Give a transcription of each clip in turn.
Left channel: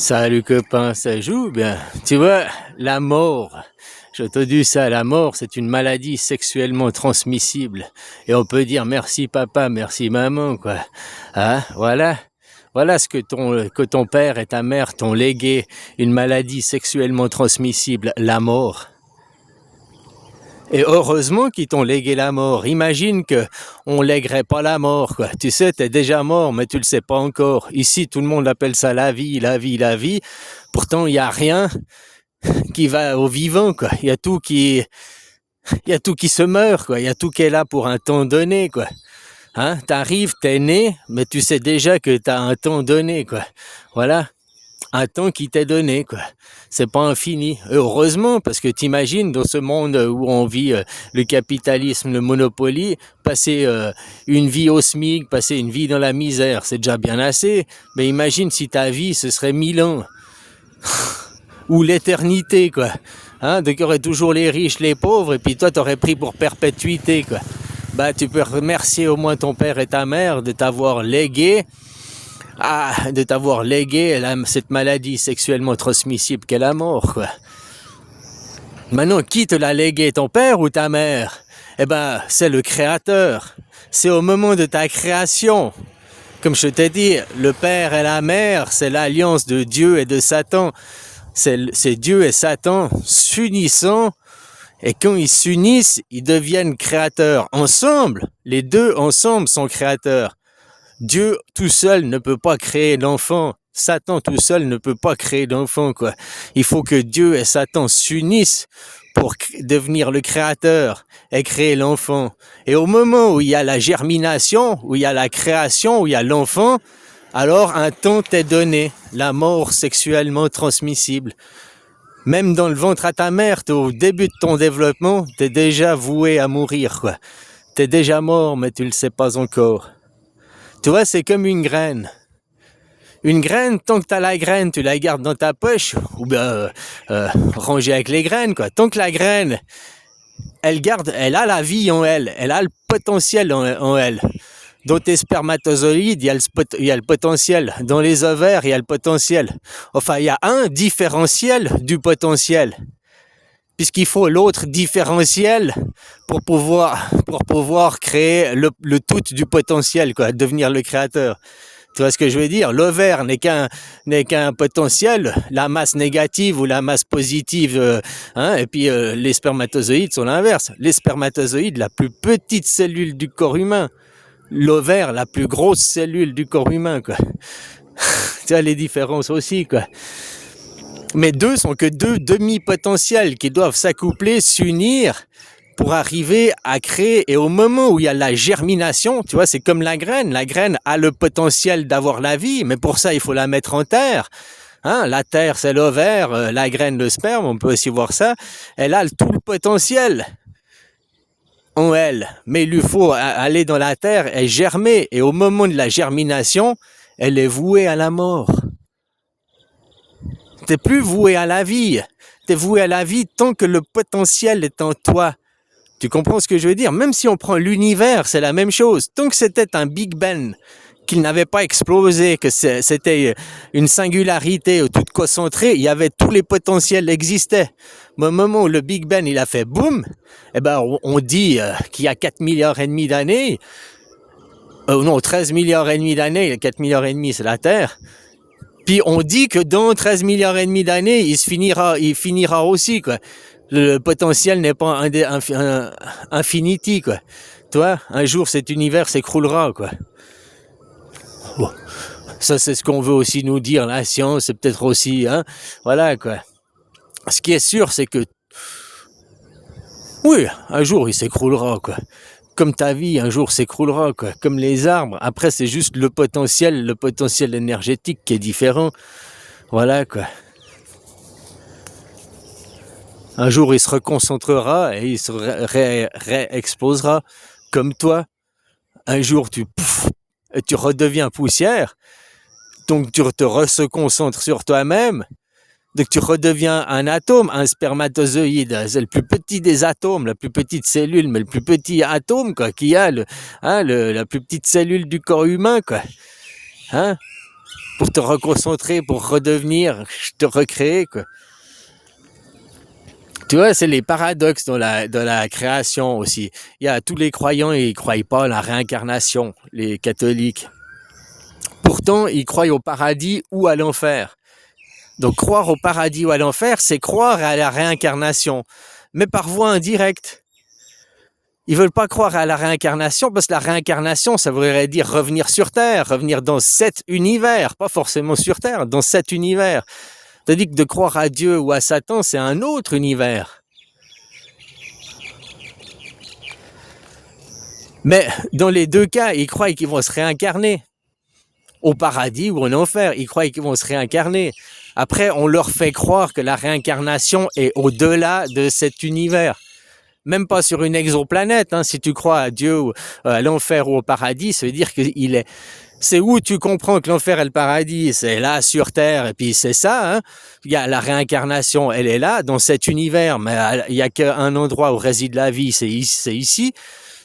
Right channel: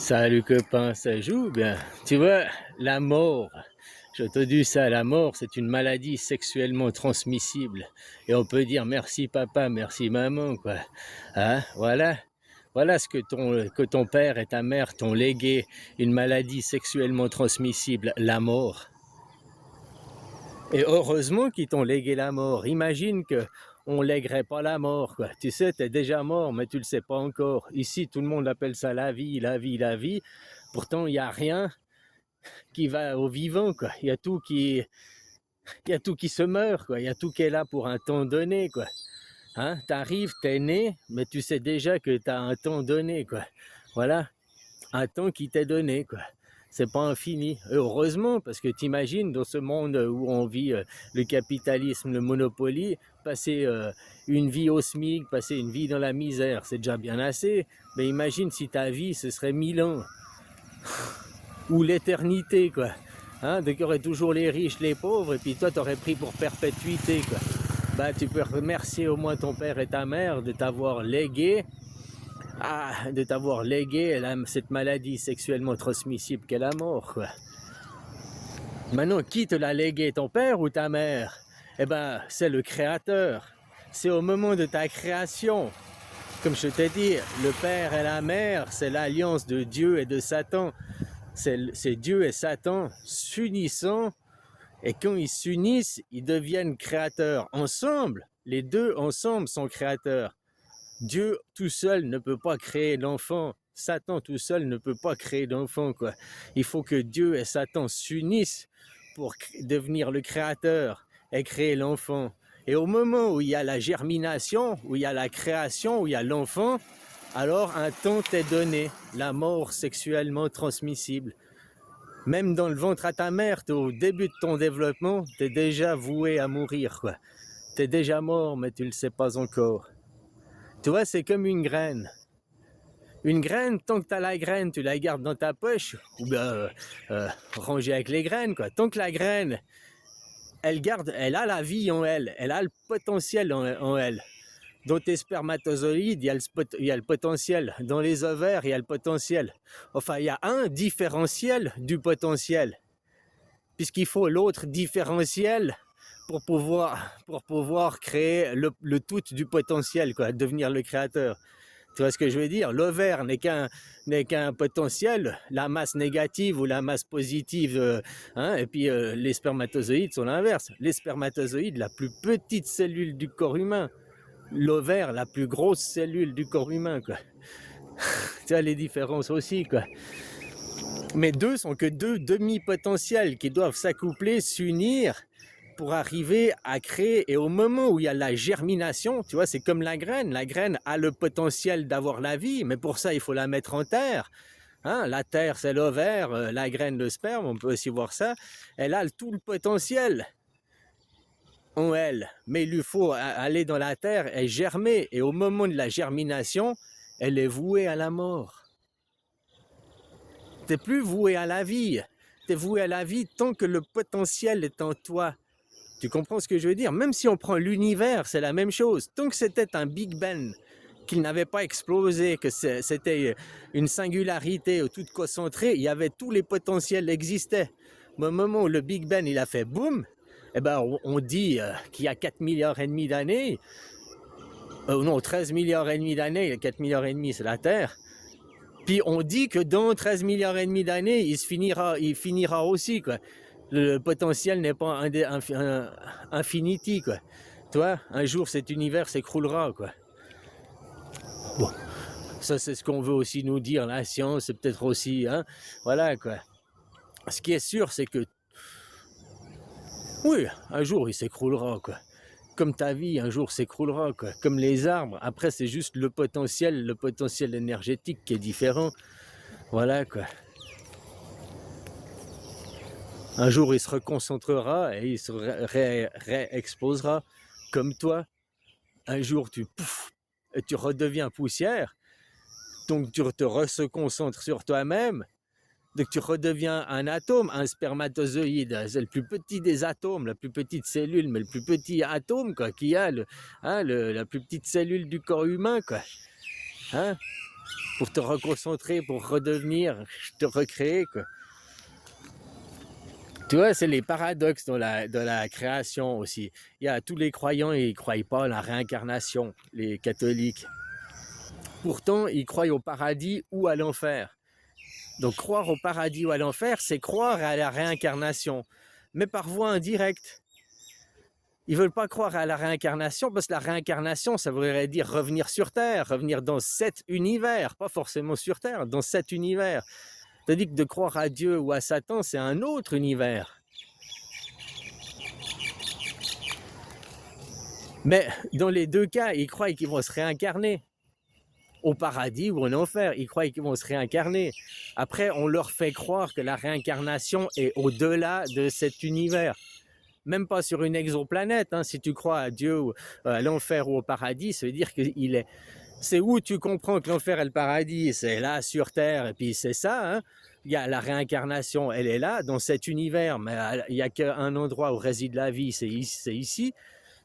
Salut copain, ça joue bien. Tu vois, la mort, je te dis ça, la mort, c'est une maladie sexuellement transmissible. Et on peut dire merci papa, merci maman, quoi. Hein, voilà. Voilà ce que ton père et ta mère t'ont légué, une maladie sexuellement transmissible, la mort. Et heureusement qu'ils t'ont légué la mort. Imagine que on lèguerait pas la mort, quoi. Tu sais, t'es déjà mort, mais tu le sais pas encore. Ici, tout le monde appelle ça la vie, la vie, la vie. Pourtant, il y a rien qui va au vivant, quoi. Il y a tout qui se meurt, quoi. Il y a tout qui est là pour un temps donné, quoi. Hein? T'arrives, t'es né, mais tu sais déjà que t'as un temps donné, quoi. Voilà. Un temps qui t'est donné, quoi. C'est pas infini. Heureusement, parce que t'imagines, dans ce monde où on vit le capitalisme, le monopoly, passer une vie au SMIC, passer une vie dans la misère, c'est déjà bien assez. Mais imagine si ta vie, ce serait 1000 ans. Ou l'éternité, quoi. Hein, donc il y aurait toujours les riches, les pauvres, et puis toi, t'aurais pris pour perpétuité, quoi. Bah, tu peux remercier au moins ton père et ta mère de t'avoir légué cette maladie sexuellement transmissible qu'est la mort, quoi. Maintenant, qui te l'a légué, ton père ou ta mère? Eh ben, c'est le Créateur. C'est au moment de ta création. Comme je t'ai dit, le père et la mère, c'est l'alliance de Dieu et de Satan. C'est Dieu et Satan s'unissant, et quand ils s'unissent, ils deviennent créateurs. Ensemble, les deux ensemble sont créateurs. Dieu tout seul ne peut pas créer l'enfant. Satan tout seul ne peut pas créer d'enfant, quoi. Il faut que Dieu et Satan s'unissent pour devenir le créateur et créer l'enfant. Et au moment où il y a la germination, où il y a la création, où il y a l'enfant, alors un temps t'est donné, la mort sexuellement transmissible. Même dans le ventre à ta mère, au début de ton développement, t'es déjà voué à mourir, quoi. T'es déjà mort, mais tu le sais pas encore. Tu vois, c'est comme une graine. Une graine, tant que tu as la graine, tu la gardes dans ta poche, ou bien rangée avec les graines, quoi. Tant que la graine, elle a la vie en elle, elle a le potentiel en elle. Dans tes spermatozoïdes, il y a le potentiel. Dans les ovaires, il y a le potentiel. Enfin, il y a un différentiel du potentiel. Puisqu'il faut l'autre différentiel pour pouvoir créer le tout du potentiel, quoi, devenir le créateur. Tu vois ce que je veux dire? L'ovaire n'est qu'un potentiel, la masse négative ou la masse positive, hein, et puis les spermatozoïdes sont l'inverse. Les spermatozoïdes, la plus petite cellule du corps humain. L'ovaire, la plus grosse cellule du corps humain, quoi. Tu vois les différences aussi, quoi. Mais deux sont que deux demi-potentiels qui doivent s'accoupler, s'unir pour arriver à créer. Et au moment où il y a la germination, tu vois, c'est comme la graine. La graine a le potentiel d'avoir la vie, mais pour ça, il faut la mettre en terre. Hein, la terre, c'est l'ovaire, la graine, le sperme, on peut aussi voir ça. Elle a tout le potentiel en elle, mais il lui faut aller dans la terre et germer. Et au moment de la germination, elle est vouée à la mort. T'es plus voué à la vie. T'es voué à la vie tant que le potentiel est en toi. Tu comprends ce que je veux dire? Même si on prend l'univers, c'est la même chose. Tant que c'était un Big Bang, qu'il n'avait pas explosé, que c'était une singularité toute concentrée, il y avait tous les potentiels existaient. Mais au moment où le Big Bang il a fait boum, eh ben on dit qu'il y a 4 milliards et demi d'années, non 13 milliards et demi d'années, 4 milliards et demi c'est la Terre. Puis on dit que dans 13 milliards et demi d'années, il finira aussi, quoi. Le potentiel n'est pas infinity, quoi. Toi, un jour cet univers s'écroulera, quoi. Bon. Ça, c'est ce qu'on veut aussi nous dire, la science, c'est peut-être aussi, hein. Voilà, quoi. Ce qui est sûr, c'est que, oui, un jour il s'écroulera, quoi. Comme ta vie, un jour s'écroulera, quoi. Comme les arbres. Après, c'est juste le potentiel énergétique qui est différent. Voilà, quoi. Un jour, il se reconcentrera et il se réexplosera comme toi. Un jour, tu redeviens poussière, donc tu te reconcentres sur toi-même, donc tu redeviens un atome, un spermatozoïde. C'est le plus petit des atomes, la plus petite cellule, mais le plus petit atome, quoi, qui a la plus petite cellule du corps humain, quoi. Hein? pour te reconcentrer, pour redevenir, te recréer, quoi. Tu vois, c'est les paradoxes dans la création aussi. Il y a tous les croyants, ils ne croient pas à la réincarnation, les catholiques. Pourtant, ils croient au paradis ou à l'enfer. Donc, croire au paradis ou à l'enfer, c'est croire à la réincarnation, mais par voie indirecte. Ils veulent pas croire à la réincarnation parce que la réincarnation, ça voudrait dire revenir sur Terre, revenir dans cet univers, pas forcément sur Terre, dans cet univers. Tandis que de croire à Dieu ou à Satan, c'est un autre univers. Mais dans les deux cas, ils croient qu'ils vont se réincarner. Au paradis ou en enfer, ils croient qu'ils vont se réincarner. Après, on leur fait croire que la réincarnation est au-delà de cet univers. Même pas sur une exoplanète, hein. Si tu crois à Dieu, ou à l'enfer ou au paradis, ça veut dire qu'il est... C'est où tu comprends que l'enfer et le paradis, c'est là sur Terre, et puis c'est ça, hein. Il y a la réincarnation, elle est là, dans cet univers, mais il n'y a qu'un endroit où réside la vie, c'est ici.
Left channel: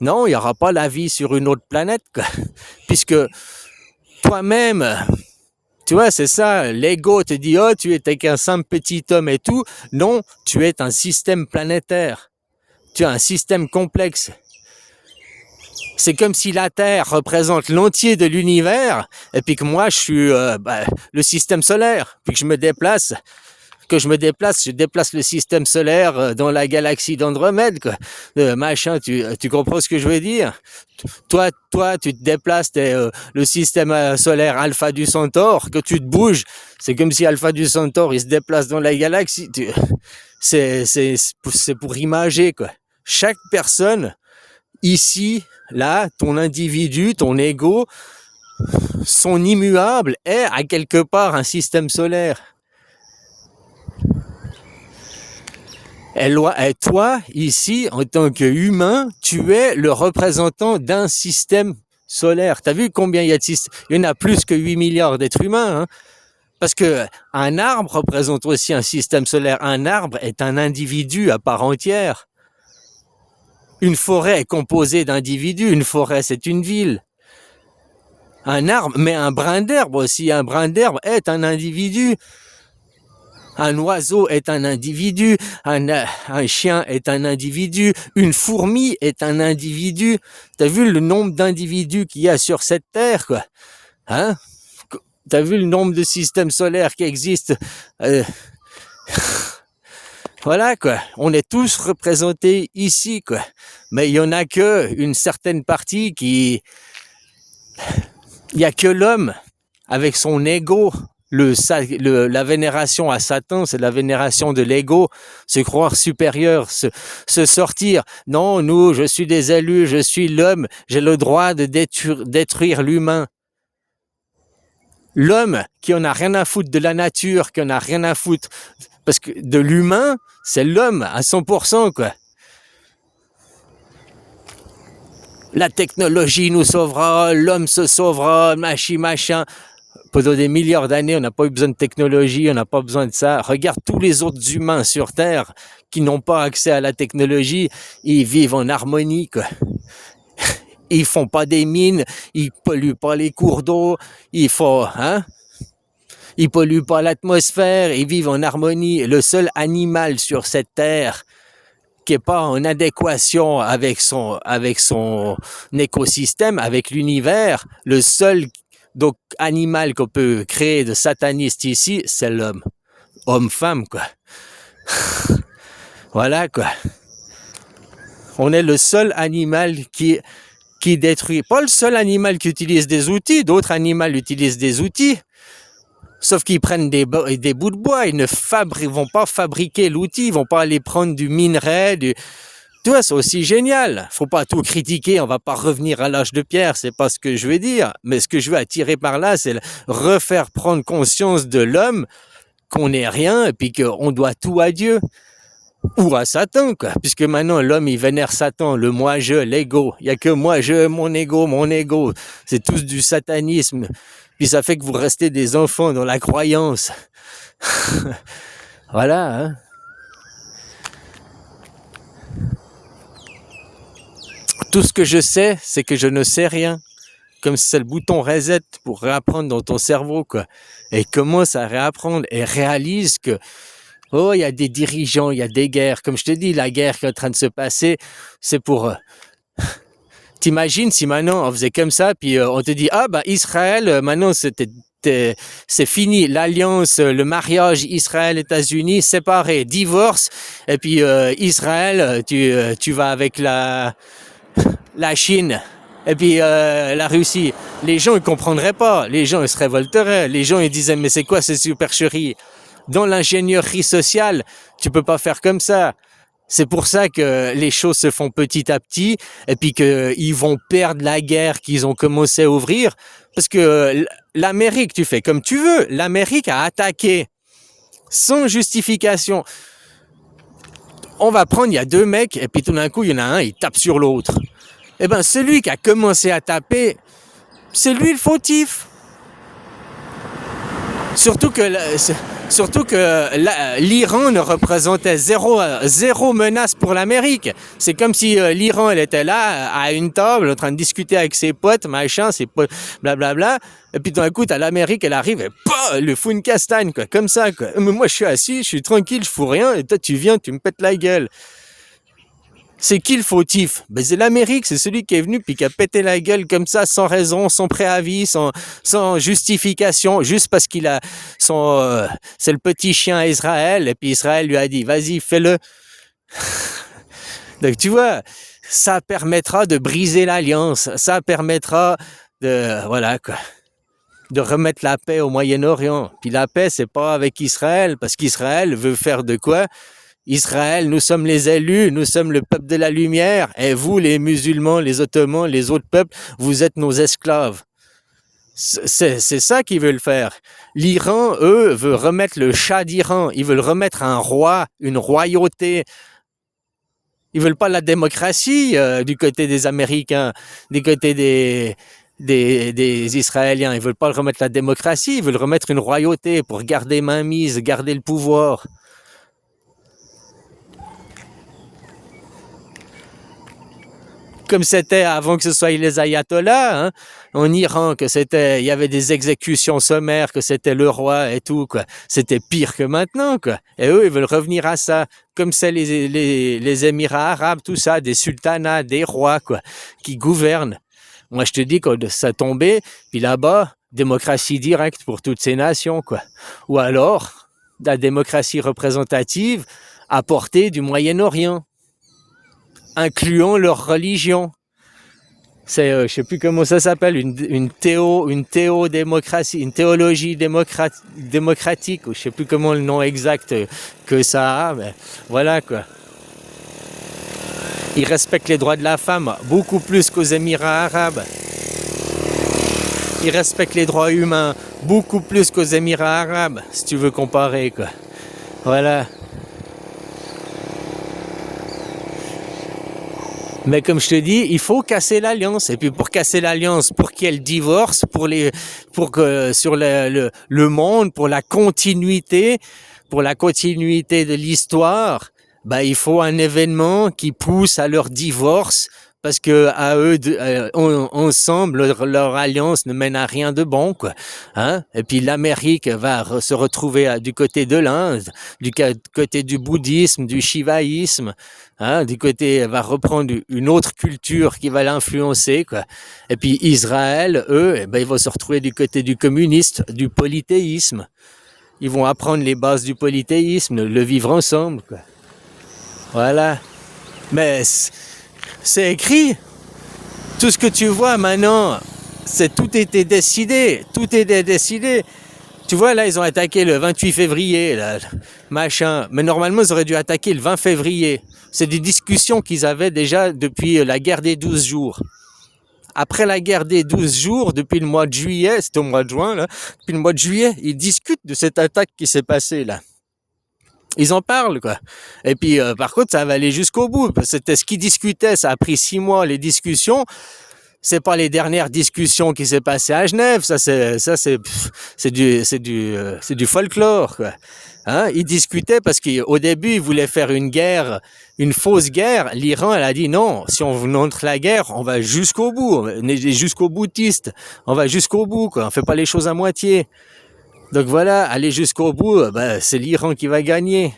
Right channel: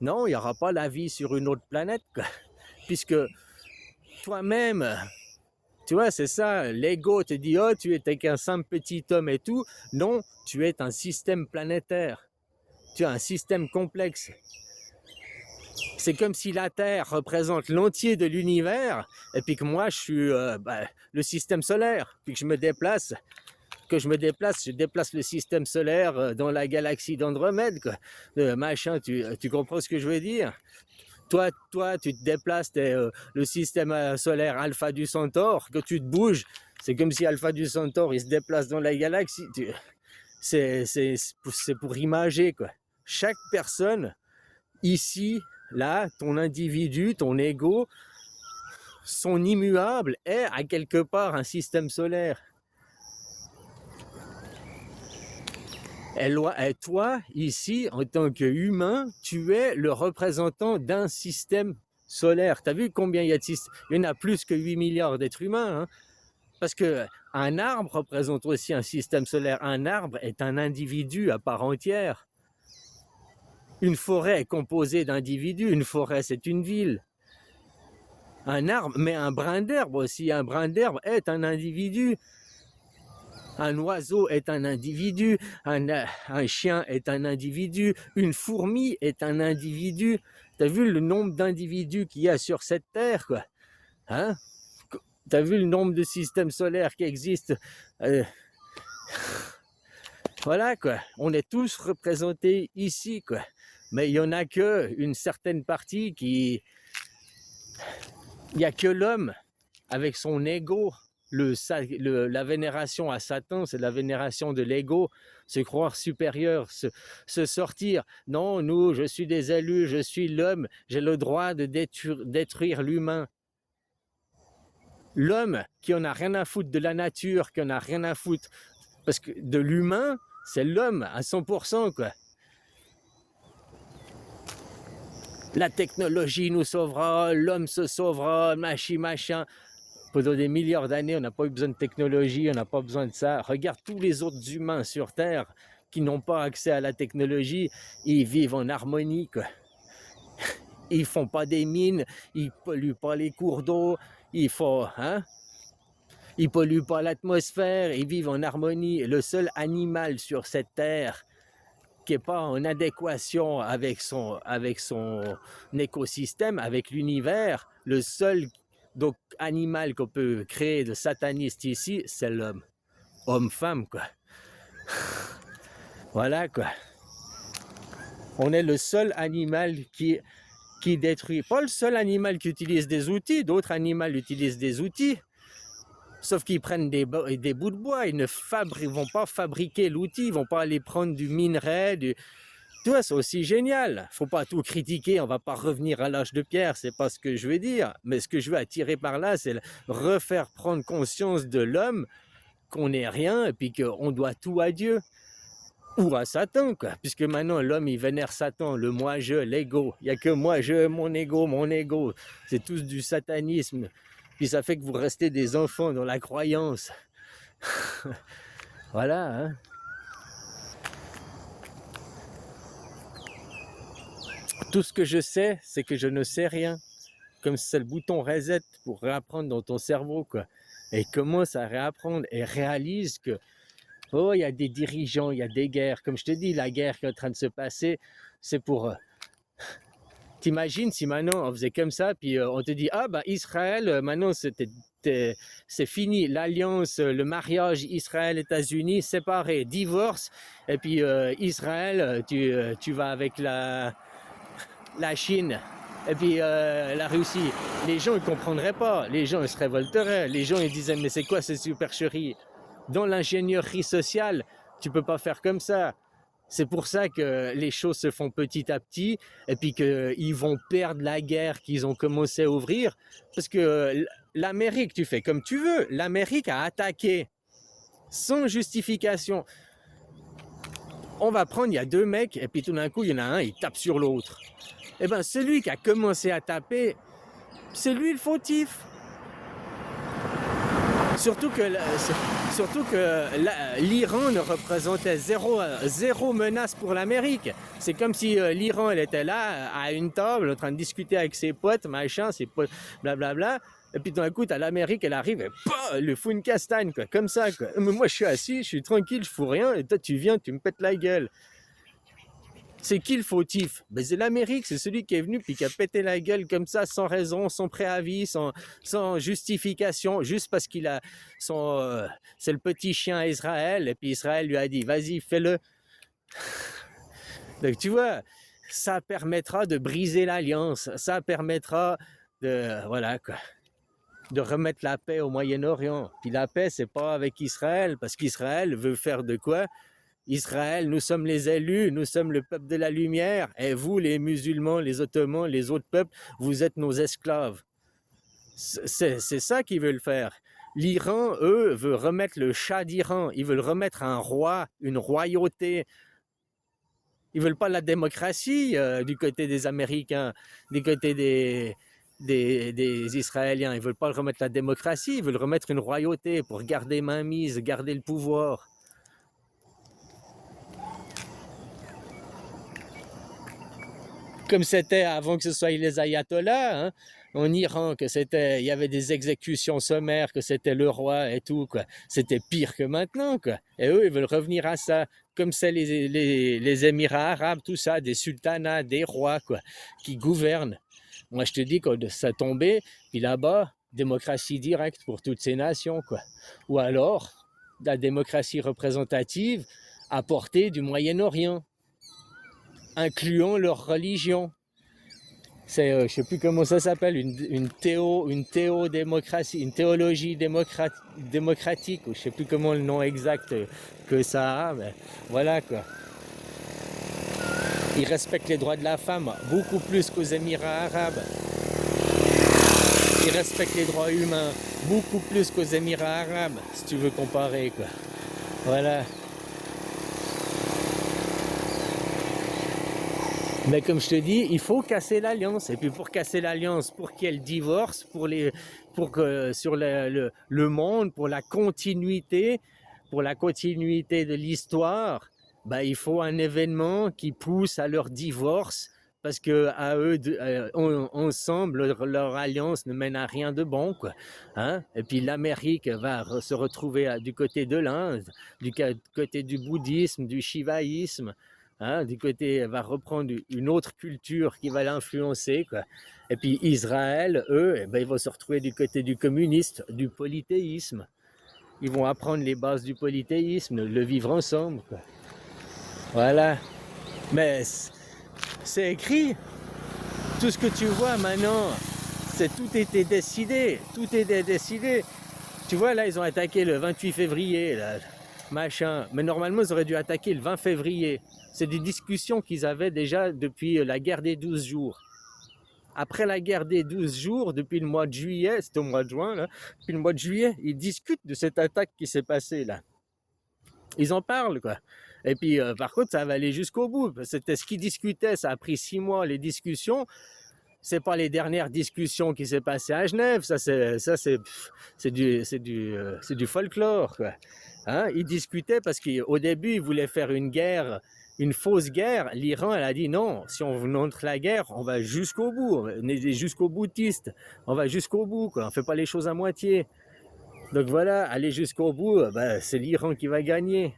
Non, il n'y aura pas la vie sur une autre planète, quoi. Puisque toi-même, tu vois, c'est ça, l'ego te dit, oh, tu es qu'un simple petit homme et tout. Non, tu es un système planétaire. Tu as un système complexe. C'est comme si la Terre représente l'entier de l'univers, et puis que moi, je suis le système solaire, puis que je déplace, je déplace le système solaire dans la galaxie d'Andromède, quoi. Machin, tu comprends ce que je veux dire? Toi, tu te déplaces, le système solaire Alpha du Centaure, que tu te bouges, c'est comme si Alpha du Centaure, il se déplace dans la galaxie. C'est pour imager, quoi. Chaque personne, ici, là, ton individu, ton ego, son immuable est à quelque part un système solaire. Et toi, ici, en tant qu'humain, tu es le représentant d'un système solaire. Tu as vu combien il y a de systèmes? Il y en a plus que 8 milliards d'êtres humains, hein. Parce qu'un arbre représente aussi un système solaire. Un arbre est un individu à part entière. Une forêt est composée d'individus. Une forêt, c'est une ville. Un arbre, mais un brin d'herbe aussi. Un brin d'herbe est un individu. Un oiseau est un individu, un chien est un individu, une fourmi est un individu. T'as vu le nombre d'individus qu'il y a sur cette terre, quoi? Hein? T'as vu le nombre de systèmes solaires qui existent? Voilà, quoi. On est tous représentés ici, quoi. Mais il y en a que une certaine partie qui... Il y a que l'homme avec son ego. La vénération à Satan, c'est la vénération de l'ego, se croire supérieur, se sortir. Non, je suis des élus, je suis l'homme, j'ai le droit de détruire l'humain. L'homme qui en a rien à foutre de la nature, qui en a rien à foutre, parce que de l'humain, c'est l'homme à 100%, quoi. La technologie nous sauvera, l'homme se sauvera, machin. Pendant des milliards d'années, on n'a pas eu besoin de technologie, on n'a pas besoin de ça. Regarde tous les autres humains sur Terre qui n'ont pas accès à la technologie, ils vivent en harmonie, quoi. Ils font pas des mines, ils polluent pas les cours d'eau, ils polluent pas l'atmosphère, ils vivent en harmonie. Le seul animal sur cette Terre qui n'est pas en adéquation avec son écosystème, avec l'univers, le seul animal qu'on peut créer de sataniste ici, c'est l'homme. Homme-femme, quoi. Voilà, quoi. On est le seul animal qui détruit. Pas le seul animal qui utilise des outils, d'autres animaux utilisent des outils. Sauf qu'ils prennent des bouts de bois, ils ne vont pas fabriquer l'outil, ils vont pas aller prendre du minerai, Tu vois, c'est aussi génial. Faut pas tout critiquer, on va pas revenir à l'âge de pierre, c'est pas ce que je veux dire. Mais ce que je veux attirer par là, c'est refaire prendre conscience de l'homme qu'on n'est rien et puis qu'on doit tout à Dieu. Ou à Satan, quoi. Puisque maintenant, l'homme, il vénère Satan, le moi-je, l'ego. Il n'y a que moi-je, mon ego. C'est tous du satanisme. Puis ça fait que vous restez des enfants dans la croyance. Voilà, hein. Tout ce que je sais, c'est que je ne sais rien. comme si c'est le bouton reset pour réapprendre dans ton cerveau, quoi. Et commence à réapprendre et réalise que, oh, il y a des dirigeants, il y a des guerres. Comme je te dis, la guerre qui est en train de se passer, c'est pour... T'imagines si maintenant on faisait comme ça, puis on te dit, ah ben Israël, maintenant c'est fini, l'alliance, le mariage Israël-États-Unis, séparé, divorce, et puis Israël, tu vas avec la Chine, et puis la Russie. Les gens ne comprendraient pas, les gens ils se révolteraient, les gens ils disaient, mais c'est quoi ces supercheries? Dans l'ingénierie sociale, tu peux pas faire comme ça. C'est pour ça que les choses se font petit à petit et puis qu'ils vont perdre la guerre qu'ils ont commencé à ouvrir. Parce que l'Amérique, tu fais comme tu veux. L'Amérique a attaqué sans justification. On va prendre, il y a deux mecs et puis tout d'un coup, il y en a un, il tape sur l'autre. Eh bien, celui qui a commencé à taper, c'est lui le fautif. Surtout que l'Iran ne représentait zéro menace pour l'Amérique. C'est comme si l'Iran, elle était là, à une table, en train de discuter avec ses potes, machin, ses potes, blablabla. Et puis d'un coup, t'as l'Amérique, elle arrive et bah, le fout une castagne, quoi, comme ça, quoi. Mais moi, je suis assis, je suis tranquille, je fous rien, et toi, tu viens, tu me pètes la gueule. C'est qui le fautif? Ben, c'est l'Amérique, c'est celui qui est venu puis qui a pété la gueule comme ça, sans raison, sans préavis, sans justification, juste parce qu'il a c'est le petit chien à Israël, et puis Israël lui a dit, vas-y, fais-le. Donc tu vois, ça permettra de briser l'alliance, ça permettra voilà quoi, de remettre la paix au Moyen-Orient. Puis la paix, c'est pas avec Israël, parce qu'Israël veut faire de quoi? Israël, nous sommes les élus, nous sommes le peuple de la lumière, et vous, les musulmans, les ottomans, les autres peuples, vous êtes nos esclaves. C'est ça qu'ils veulent faire. L'Iran, eux, veut remettre le Shah d'Iran, ils veulent remettre un roi, une royauté. Ils veulent pas la démocratie du côté des Américains, du côté des Israéliens. Ils veulent pas remettre la démocratie, ils veulent remettre une royauté pour garder mainmise, garder le pouvoir. Comme c'était avant que ce soit les ayatollahs, hein, en Iran, il y avait des exécutions sommaires, que c'était le roi et tout, quoi. C'était pire que maintenant, quoi. Et eux, ils veulent revenir à ça, comme c'est les Émirats arabes, tout ça, des sultanats, des rois, quoi, qui gouvernent. Moi, je te dis, quand ça tombait, puis là-bas, démocratie directe pour toutes ces nations, quoi. Ou alors, la démocratie représentative apportée du Moyen-Orient, incluant leur religion. C'est, je sais plus comment ça s'appelle, une théodémocratie, une théologie démocratique, ou je sais plus comment le nom exact que ça a, mais voilà quoi. Ils respectent les droits de la femme beaucoup plus qu'aux Émirats arabes. Ils respectent les droits humains beaucoup plus qu'aux Émirats arabes, si tu veux comparer quoi. Voilà. Mais comme je te dis, il faut casser l'alliance. Et puis pour casser l'alliance, pour qu'il y ait le divorce, pour que sur le monde, pour la continuité de l'histoire, bah, il faut un événement qui pousse à leur divorce, parce que à eux, ensemble, leur alliance ne mène à rien de bon, quoi. Hein? Et puis l'Amérique va se retrouver du côté de l'Inde, du côté du bouddhisme, du shivaïsme. Hein, du côté, elle va reprendre une autre culture qui va l'influencer, quoi. Et puis Israël, eux, eh ben, ils vont se retrouver du côté du communiste, du polythéisme. Ils vont apprendre les bases du polythéisme, le vivre ensemble, quoi. Voilà. Mais c'est écrit. Tout ce que tu vois maintenant, tout était décidé. Tout était décidé. Tu vois, là, ils ont attaqué le 28 février, là, machin. Mais normalement, ils auraient dû attaquer le 20 février. C'est des discussions qu'ils avaient déjà depuis la guerre des 12 jours. Après la guerre des 12 jours, depuis le mois de juillet, c'était au mois de juin, là, depuis le mois de juillet, ils discutent de cette attaque qui s'est passée, là. Ils en parlent, quoi. Et puis, par contre, ça va aller jusqu'au bout. C'était ce qu'ils discutaient, ça a pris 6 mois, les discussions. C'est pas les dernières discussions qui s'est passées à Genève, ça c'est du folklore, quoi. Hein, ils discutaient parce qu'au début, ils voulaient faire une guerre, une fausse guerre. L'Iran, elle a dit non, si on entre la guerre, on va jusqu'au bout, on est jusqu'au boutiste, on va jusqu'au bout, quoi. On fait pas les choses à moitié. Donc voilà, aller jusqu'au bout, ben, c'est l'Iran qui va gagner.